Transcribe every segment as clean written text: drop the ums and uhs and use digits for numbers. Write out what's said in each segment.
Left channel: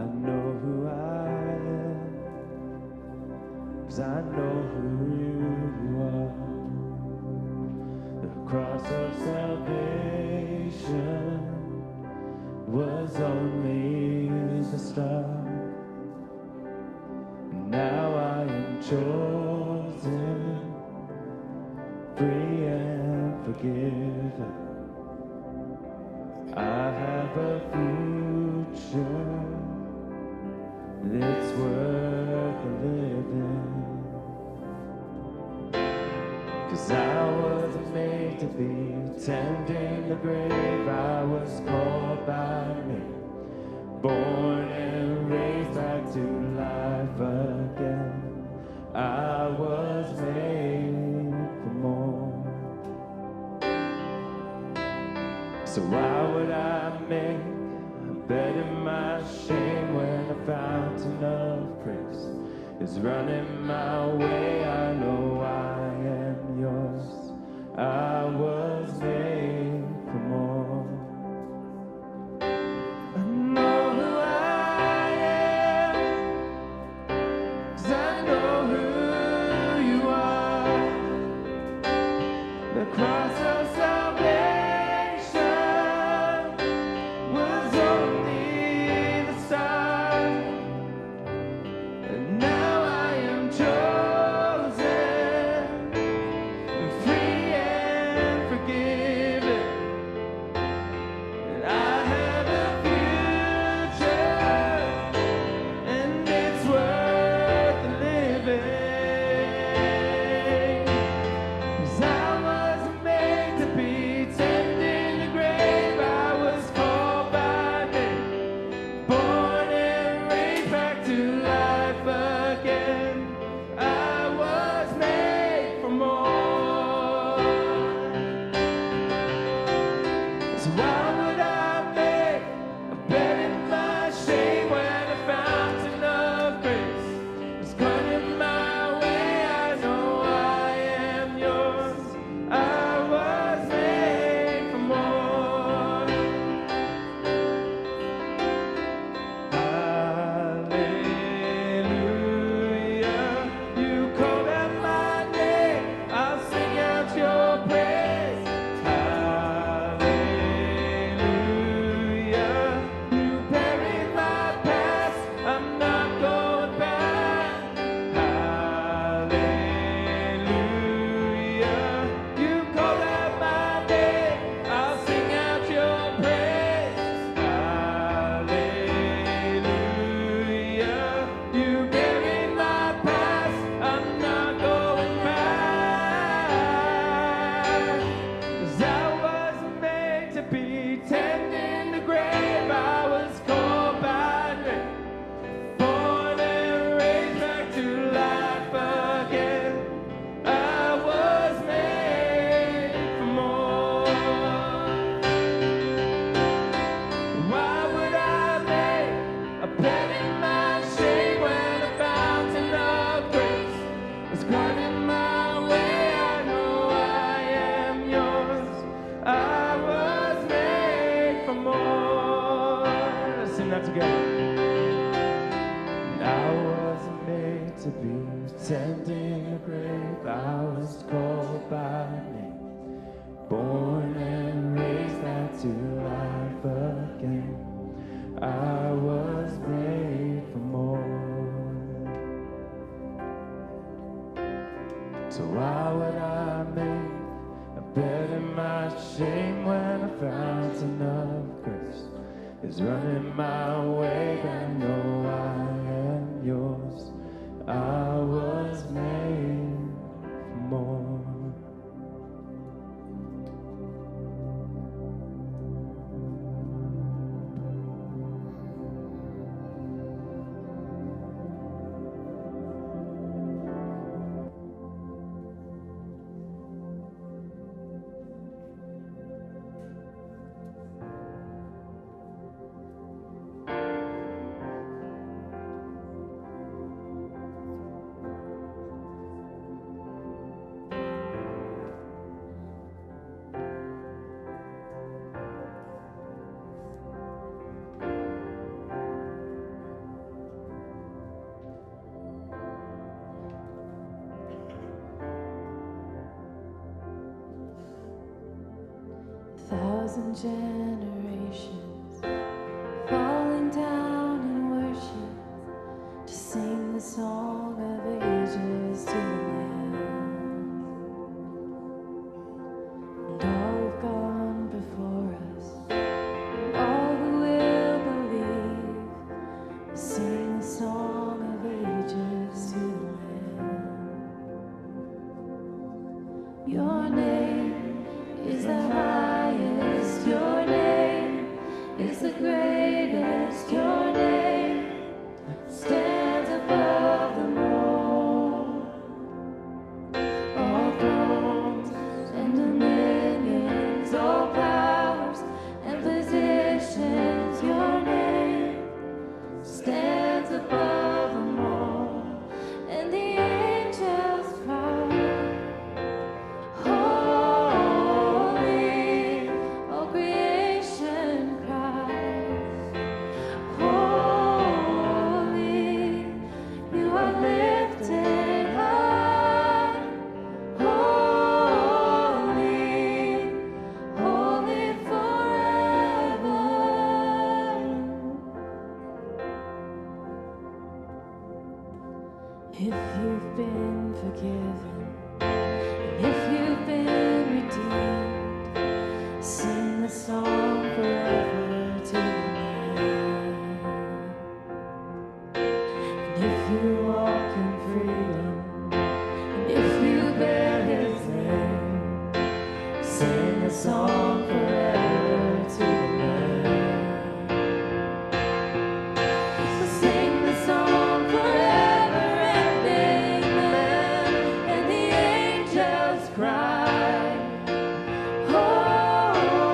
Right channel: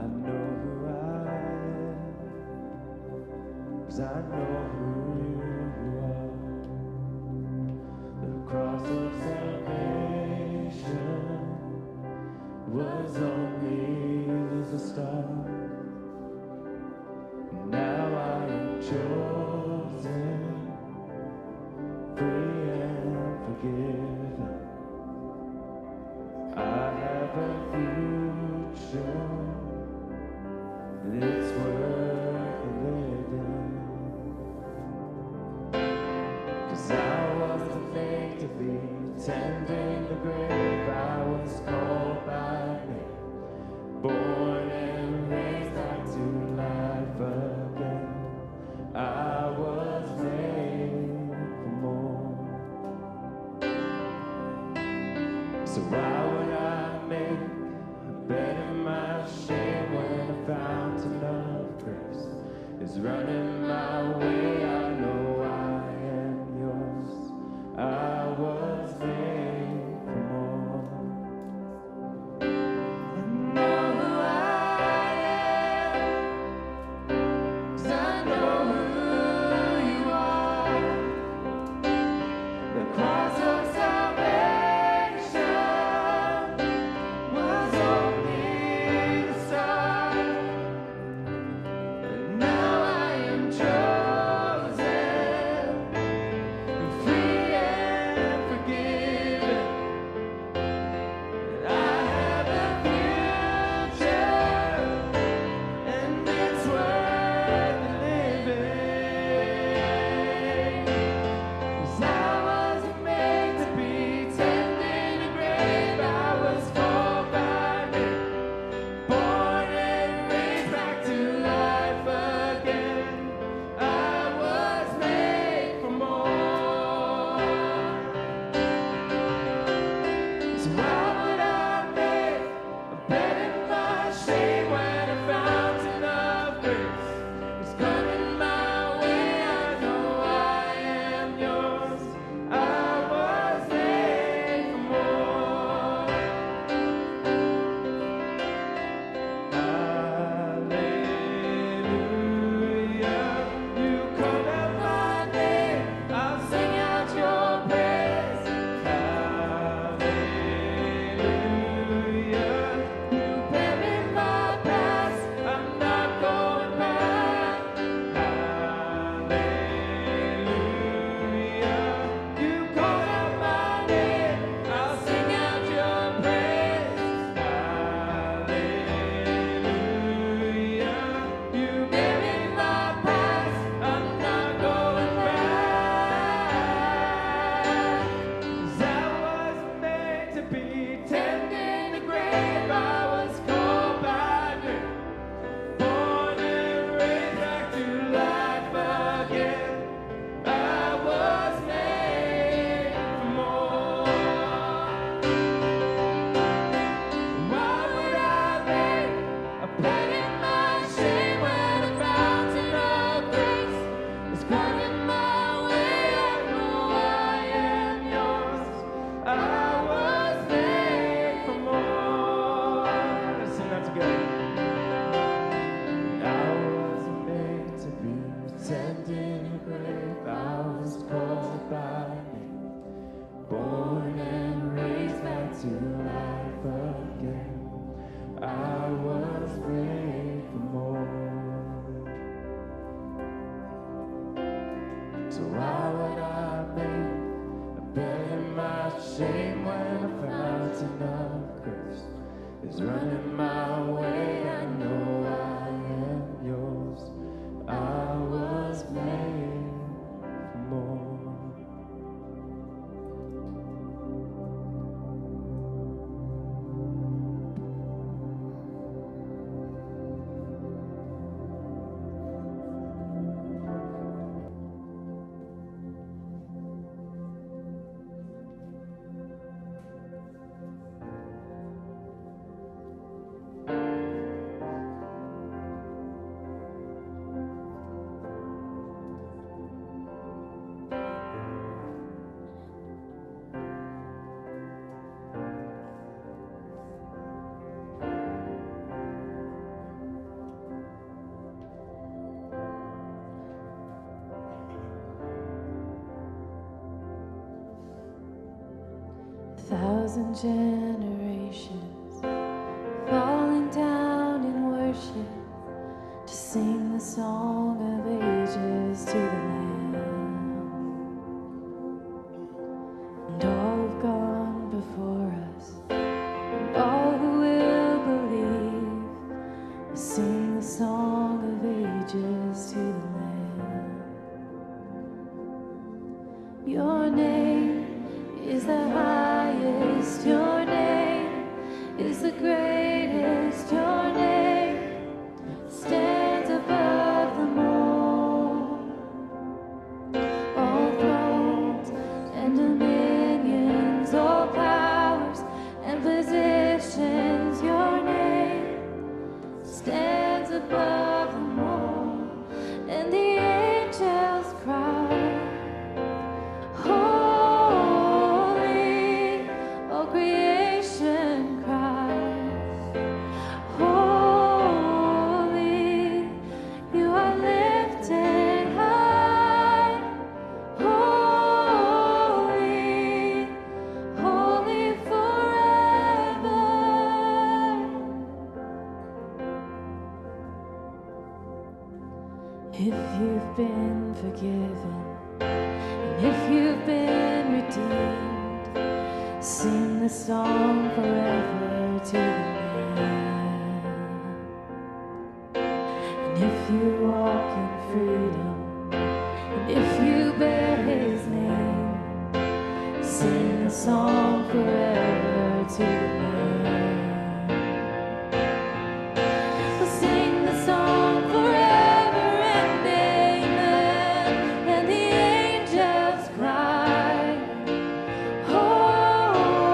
I know who I am, 'cause I know who you are. The cross of salvation was only the start. Now I am chosen, free and forgiven. I have a future that's worth living. 'Cause I wasn't made to be tending the grave. I was called by name, born and raised back to life again. I was made for more. So why would I make a bed in my shame when a fountain of grace is running my way? I know I am yours. I was made for more. I know who I am, 'cause I know who you are. The cross of salvation was only the start, and now I am chosen, free and forgiven. And I have a future, and it's worth living. 'Cause I wasn't made to be tending the grave. I was called by name, born and raised back to life again. I was made for more. So why would I make a bed in my shame when a fountain of grace is coming my way? I know I am yours. I was made for more. Hallelujah. You called out my name, I'll sing out your praise. Hallelujah. You buried my past, I'm not going back. Hallelujah. You called out my name, I'll sing out your praise. Hallelujah. You buried my past, I'm not going back. 'Cause I wasn't made to be tending the grave. I was called by name, born and raised back to life again. I was made for more. Why would I make a bed in my shame when a fountain of grace is coming my way? I know I am yours. I was made for more. Let's sing that together. I wasn't made to be tending the grave. I was called by name, born and raised back to life again. I was made for more. So why would I make a bed in my shame when a fountain of grace is running my way? I know I am yours. I was made for more. 1,000 generations falling down in worship to sing the song of ages to the Lamb. And all who've gone before us, and all who will believe, will sing the song of ages to the Lamb. Your name is the highest, your name is the greatest, your name stands above them all. All thrones and dominions, all powers and positions, your name stands above them all. And the angels cry, holy, all creation cries, holy, you are lifted high, holy, holy forever. If you've been forgiven, and if you've been redeemed, sing the song forever to the Lamb. And if you walk in freedom, and if you bear His name, sing the song forever to the Lamb. We'll sing the song forever and amen. And the angels cry, holy,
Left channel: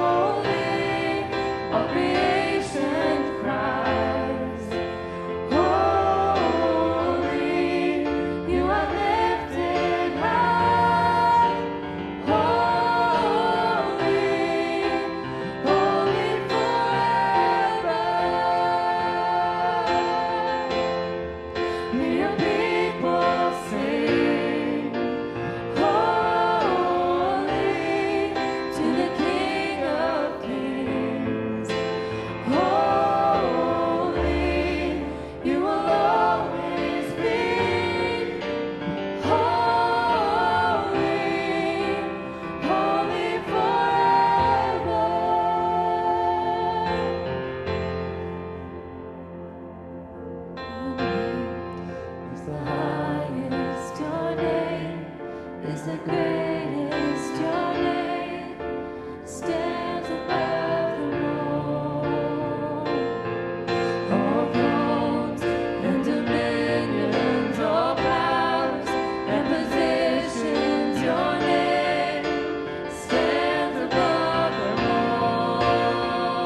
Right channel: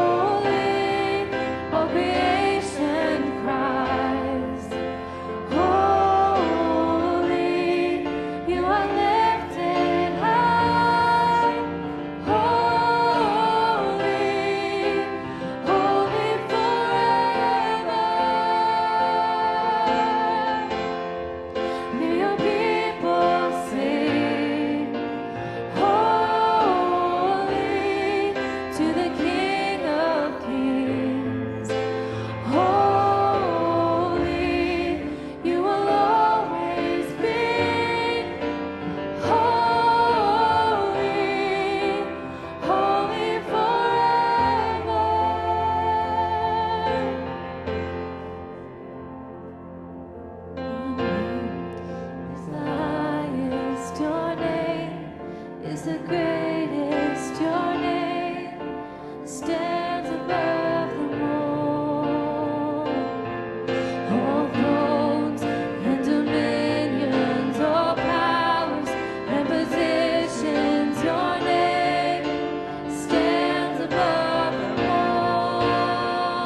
all creation cries, holy, you are lifted high, holy, holy forever. Hear your people sing, holy, to the King of Kings. Holy, you will always be. Holy, holy forever. Your name is the highest, your name is the greatest, your name stands above them all. All thrones and dominions, all powers and positions, your name stands above them all.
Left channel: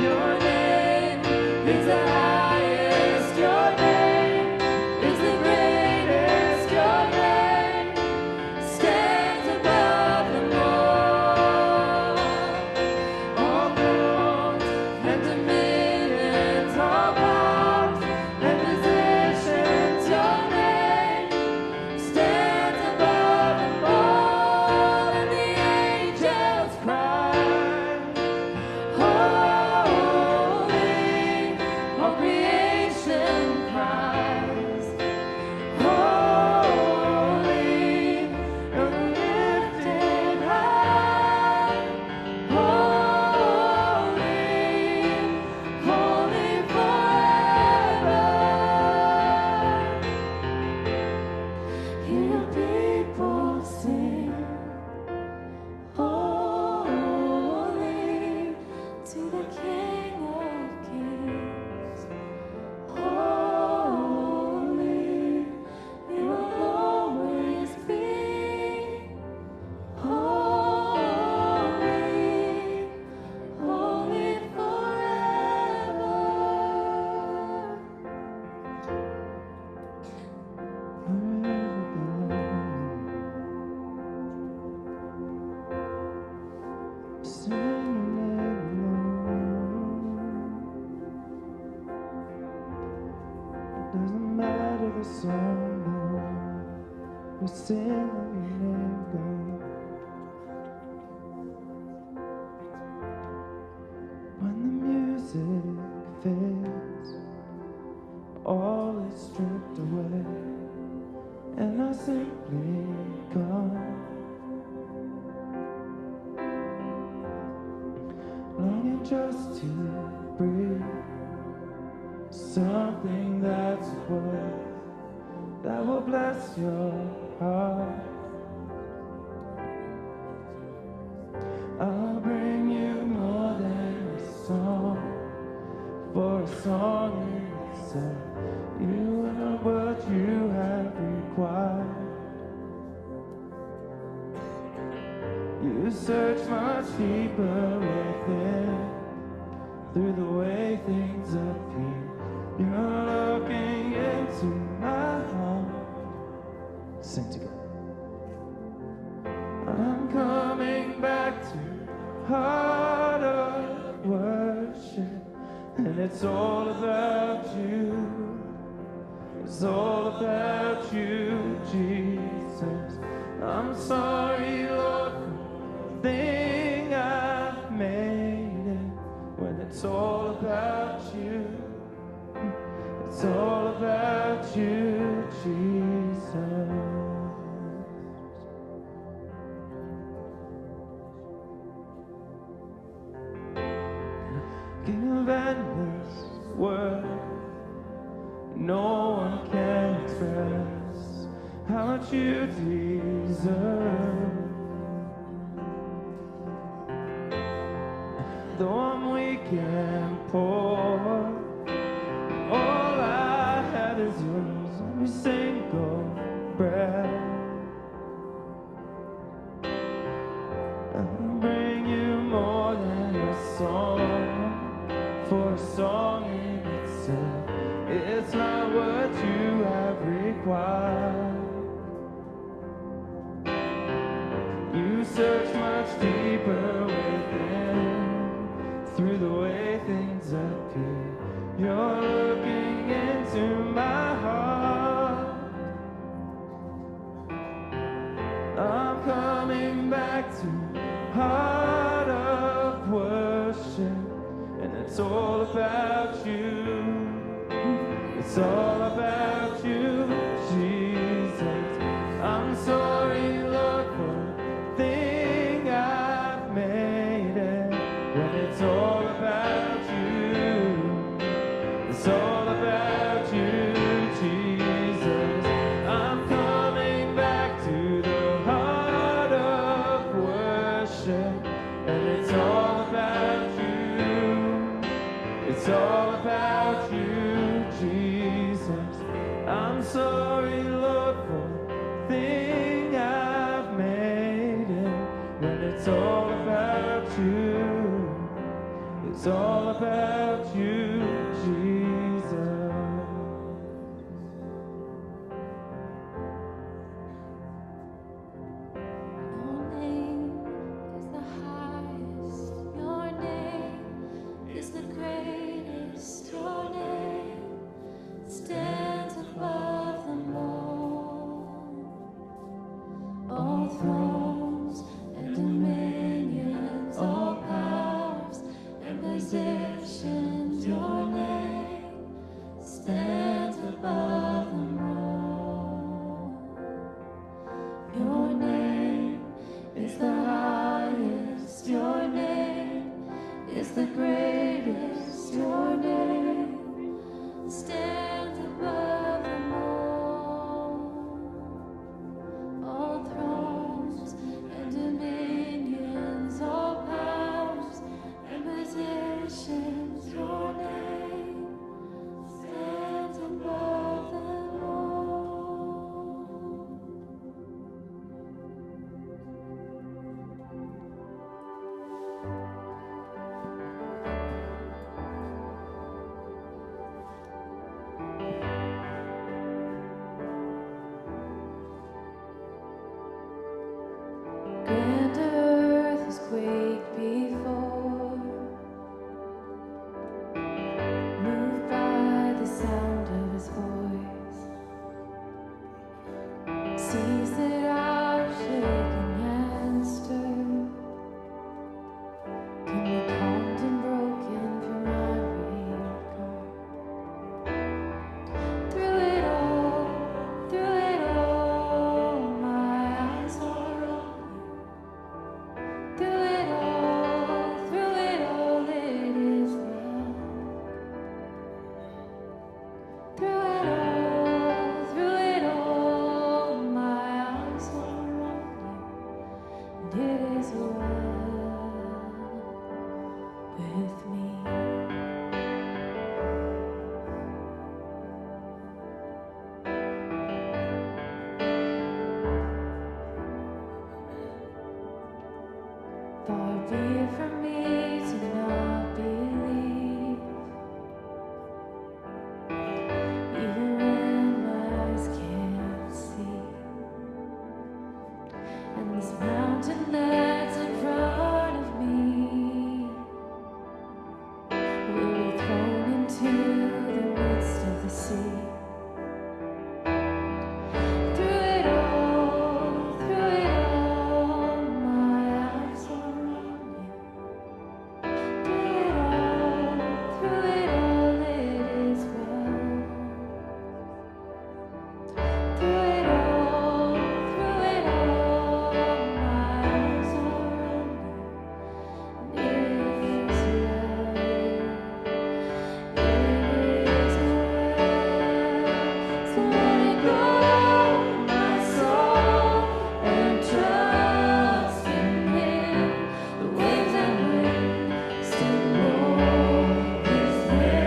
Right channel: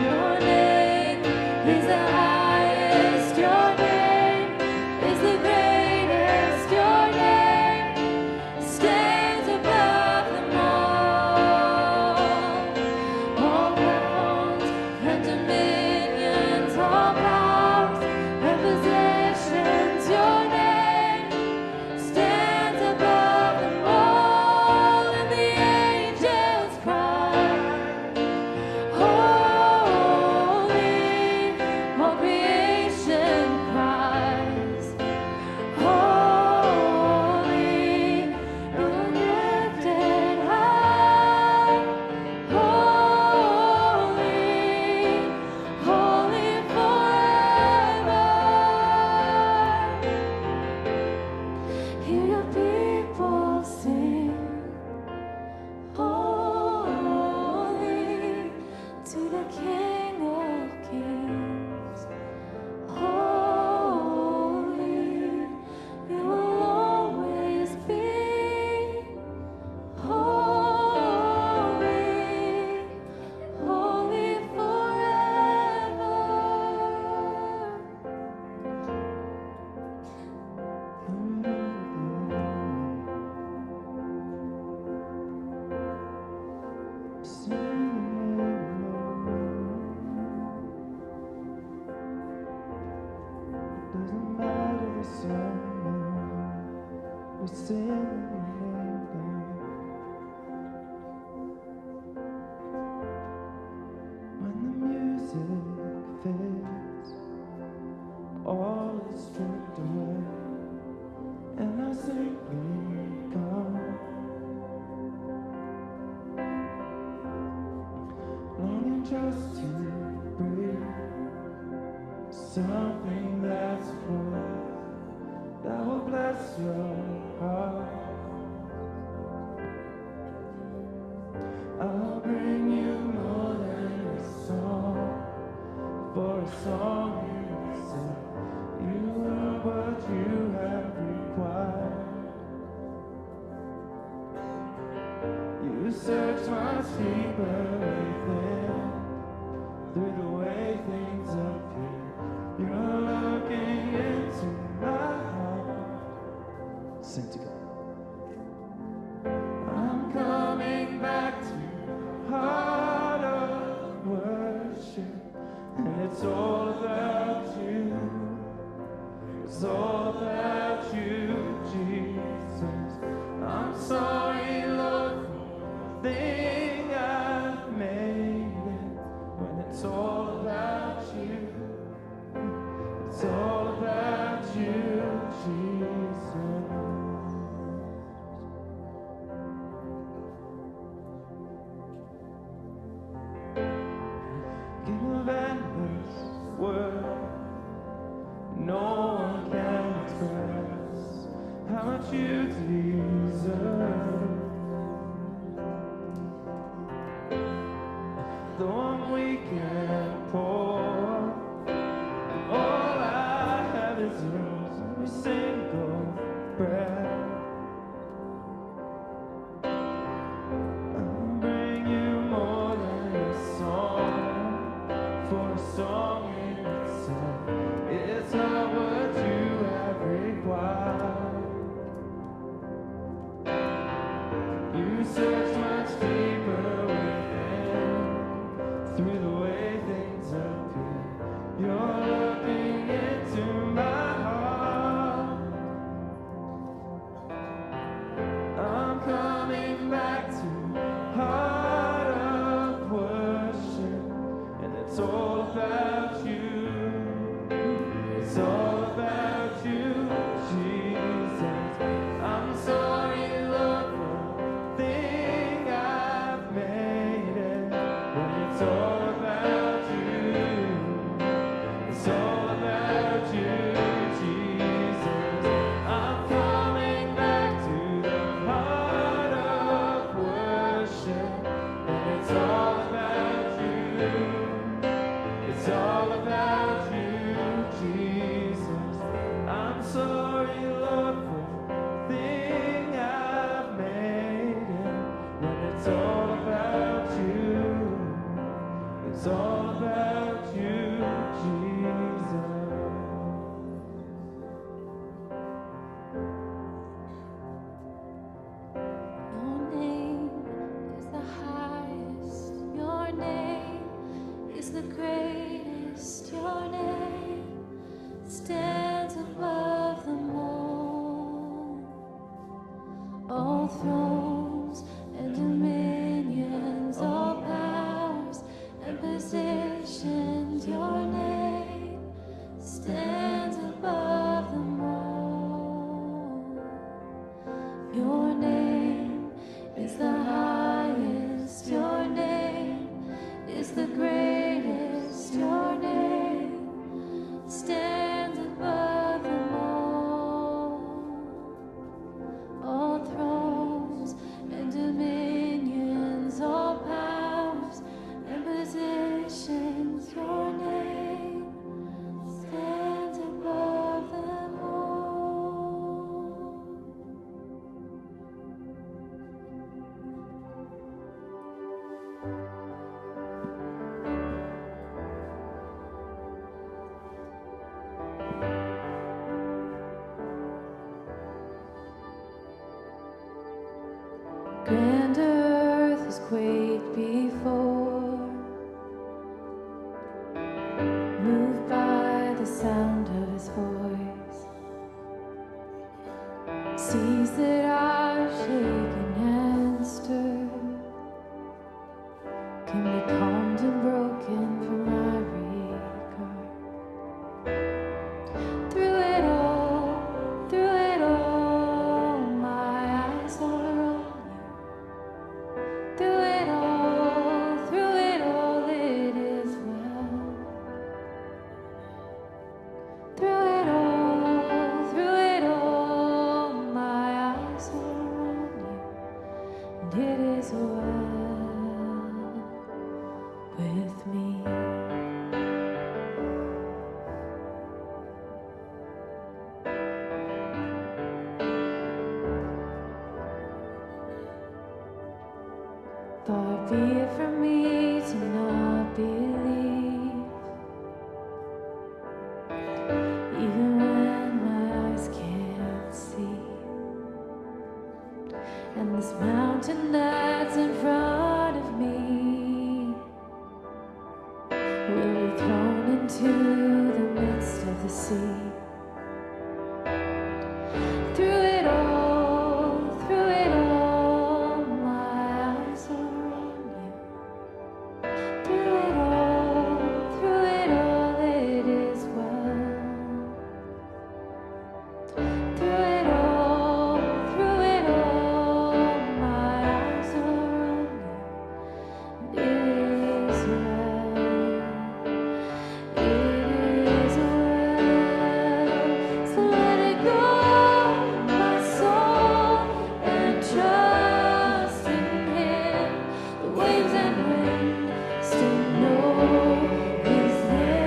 Your name is the highest, your name is the greatest, your name stands above them all. All thrones and dominions, all powers and possessions, your name stands above them all. And the angels cry, holy, all creation cries, holy, you're lifted high, holy, holy forever. Hear your people sing, holy, to the King of Kings. Holy, you will always be. Holy, holy forever. Forever God. Sing your name, Lord. Doesn't matter the song, Lord. We sing of your name, God. longing just to breathe. Something that's worth, that will bless your heart. I'll bring you more than a song, for a song in itself. You are what you have required. You search much deeper within, through the way things appear. You're looking into my heart. Sing together. I'm coming back to heart of worship, and it's all about you. It's all about you, Jesus. I'm sorry, Lord, for the thing I've made it, when it's all about you. It's all about you, Jesus. King of endless worth, no one can express how much you deserve. Though I'm weak and poor, all I have is yours, every single breath. I'll bring you more than a song, for a song in itself, it's not what you have required. You search much deeper within, through the way things appear. You're looking into my heart. I'm coming back to heart of worship, and it's all about you. It's all about you, Jesus. I'm sorry, Lord, for the thing I've made it, when it's all about you. It's all about you, Jesus. I'm coming back to the heart of worship, and it's all about you. It's all about you, Jesus. I'm sorry, Lord, for the thing I've made it, when it's all about you. It's all about you, Jesus. Your name is the highest. Your name is the greatest. Your name stands above them all. All thrones and dominions, all powers and positions, your name stands above them all. Your name is the highest, your name is the greatest, your name stands above them all. All thrones and dominions, all powers and positions, your name stands above them all. Grand earth has quaked before, moved by the sound of his voice. Seas that are shaken and stirred can be calmed and broken for my regard. Through it all, my eyes are on you. Through it all, be it for me to not believe, even when my eyes can't see? And this mountain that's in front of me will be thrown into the midst of the sea. Through it all, my eyes are on you. Through it all, it is well. Through it all, my eyes are on you. And it is well. It is well. So let it go, my soul, and trust in Him. The waves and wind still know His name.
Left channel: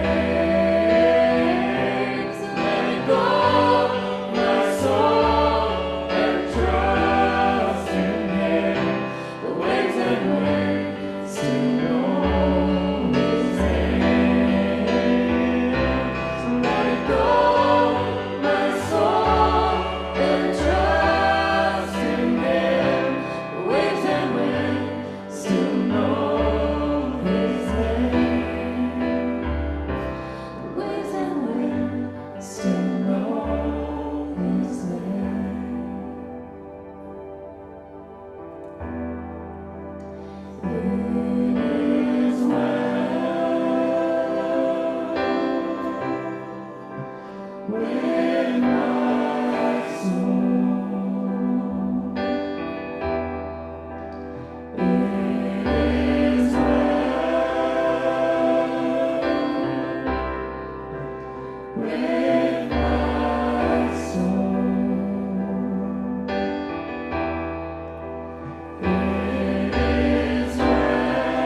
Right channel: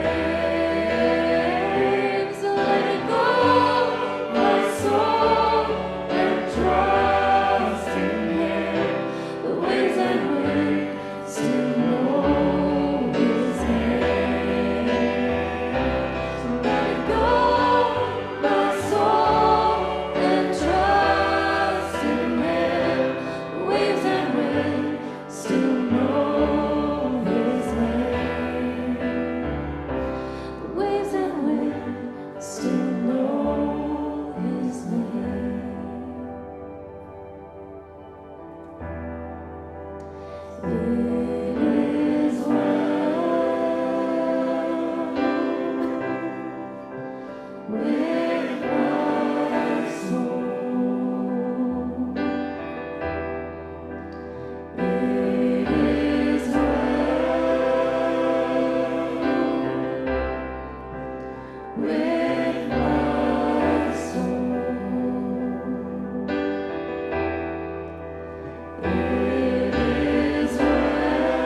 So let it go, my soul, and trust in Him. The waves and wind still know His name. So let it go, my soul, and trust in Him. The waves and wind still know His name. The waves and wind still know His name. It is well with my soul. It is well with my soul. It is well with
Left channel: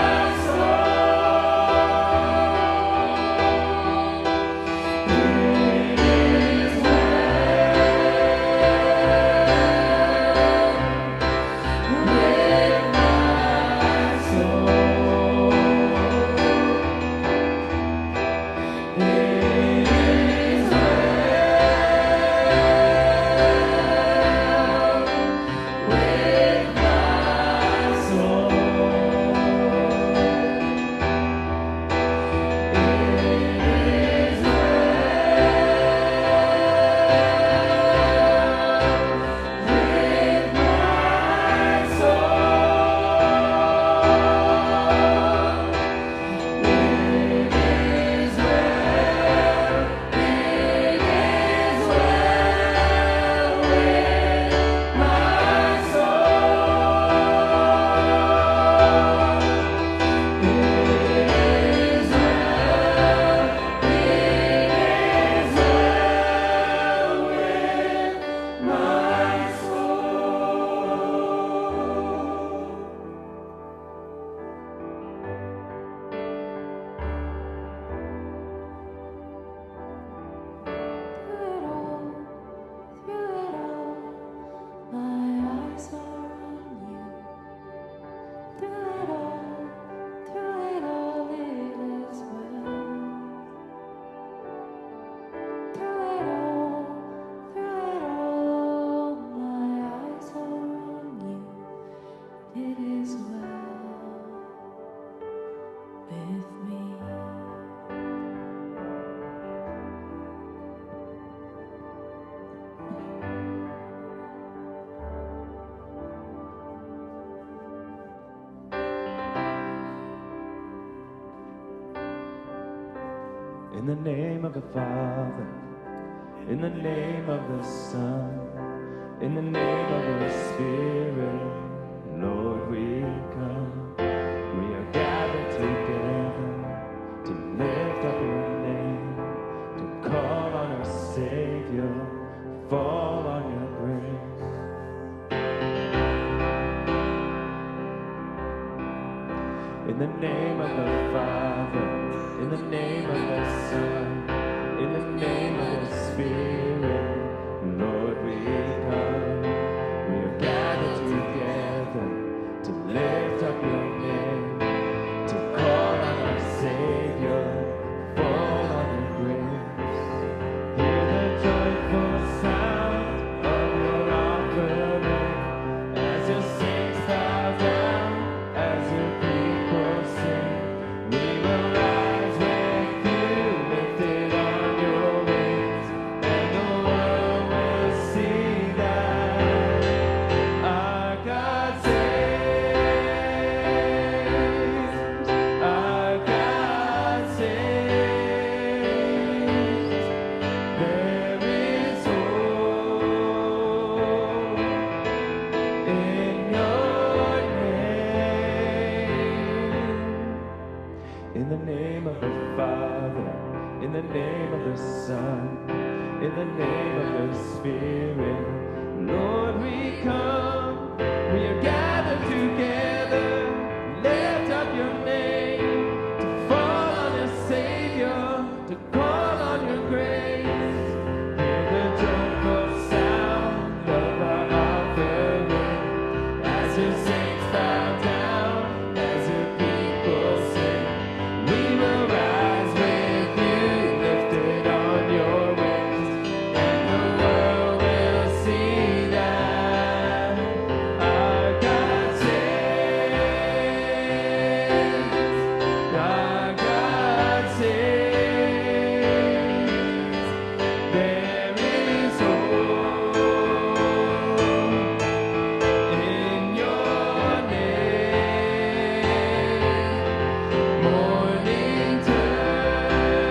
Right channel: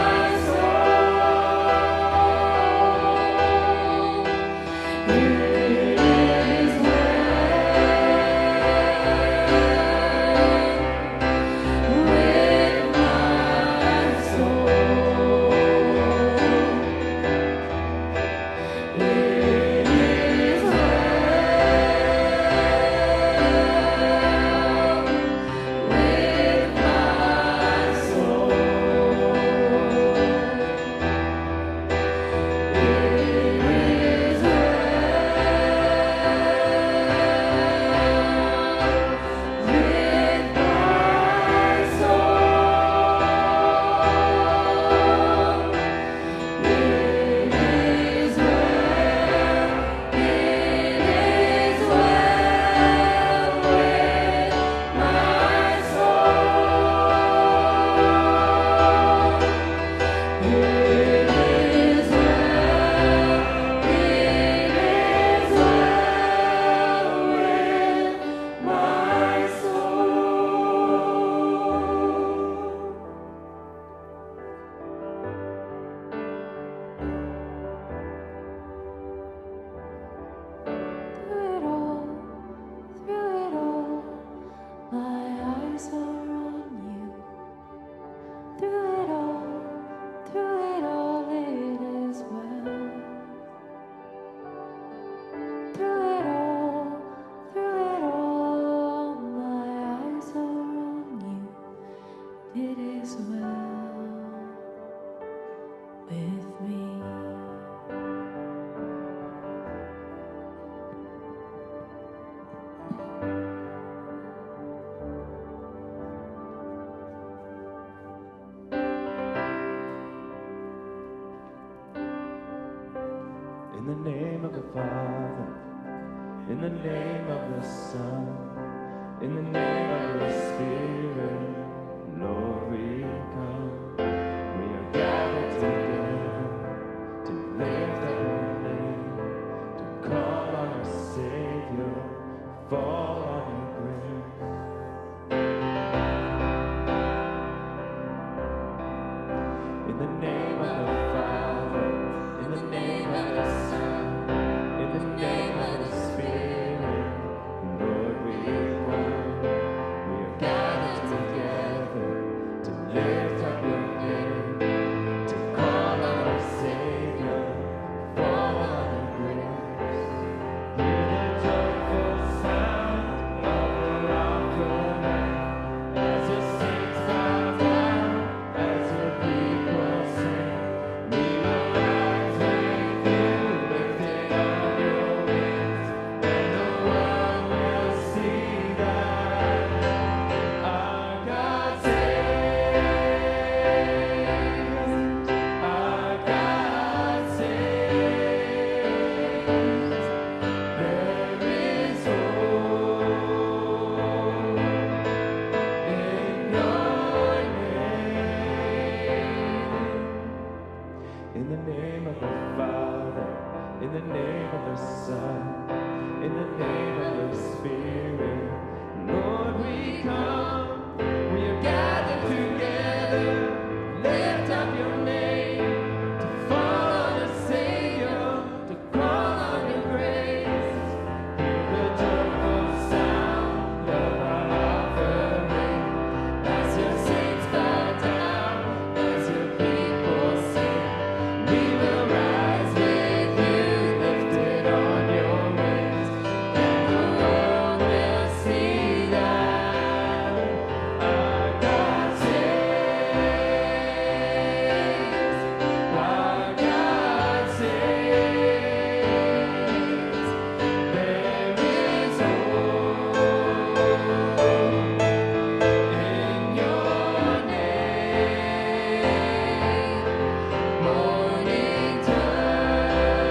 my soul. It is well. It is well with my soul. It is well with my soul. It is well with my soul. It is In the name of the Father, in the name of the Son, in the name of the Spirit, Lord, we come. We are gathered together to lift up your name, to call on our Savior, fall on your grace. In the name of the Father, in the name of the Son, in the name of the Spirit, Lord, we come. We are gathered together to lift up your name, to call on our Savior, fall on your grace. Hear the joyful sound of your offering as your saints bow down, as your people sing. We will rise with you, lifted on your wings, and the world will see that our God saves, our God saves. There is hope in your name. In the name of the Father, in the name of the Son, in the name of the Spirit, Lord, we come. We are gathered together, lift up your name, to fall on your Savior, to call on your grace. Hear the joyful sound of our offering as your saints bow down, as your people sing. We will rise with you, lifted on your wings, and the world will see that our God saves, our God saves. There is hope in your name. Morning turns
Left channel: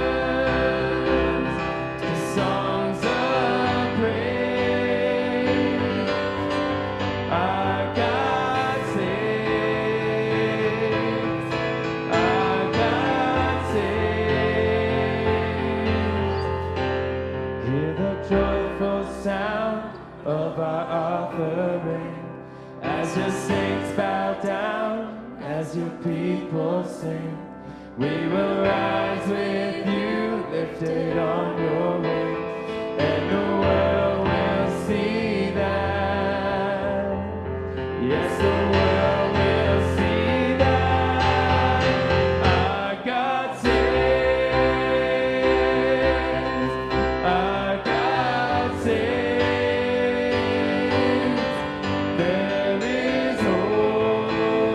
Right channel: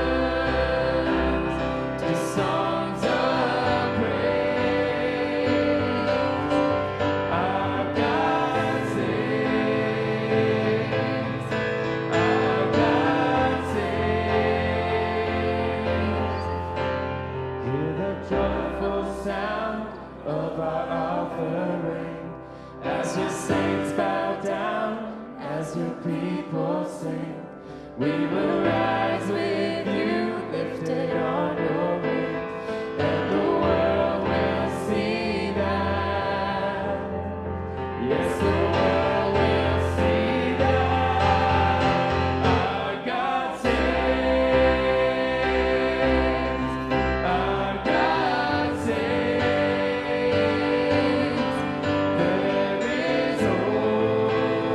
to songs of praise. Our God saves, our God saves. Hear the joyful sound of our offering as your saints bow down, as your people sing. We will rise with you, lifted on your wings, and the world will see that. Yes, the world will see that our God saves, our God saves. There is hope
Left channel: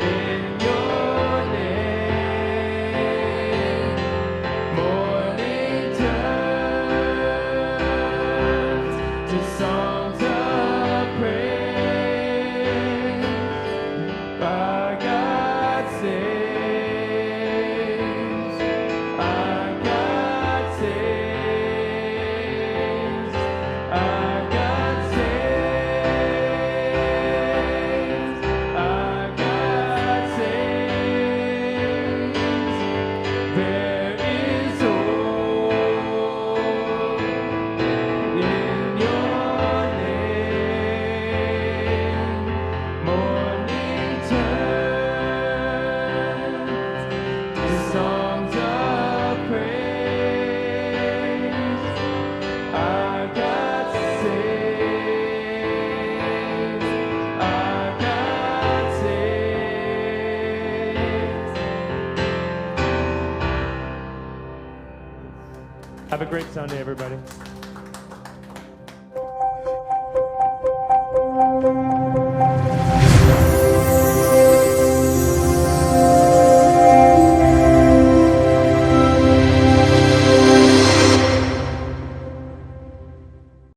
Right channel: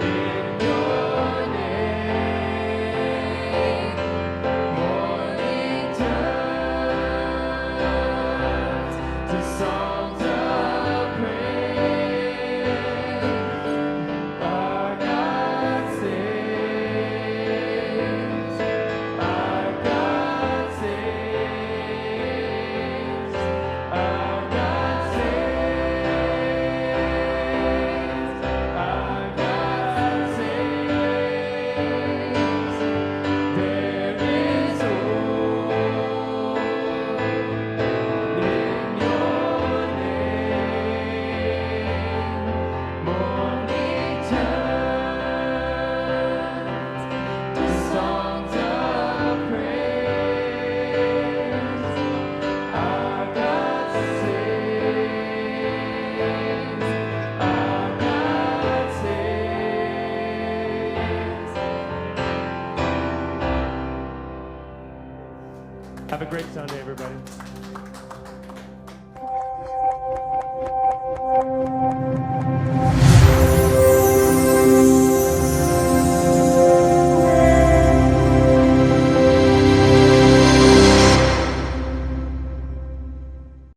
in your name. Morning turns to songs of praise. Our God saves, our God saves, our God saves, our God saves. There is hope in your name. Morning turns to songs of praise. Our God saves, our God saves. Have a great Sunday, everybody.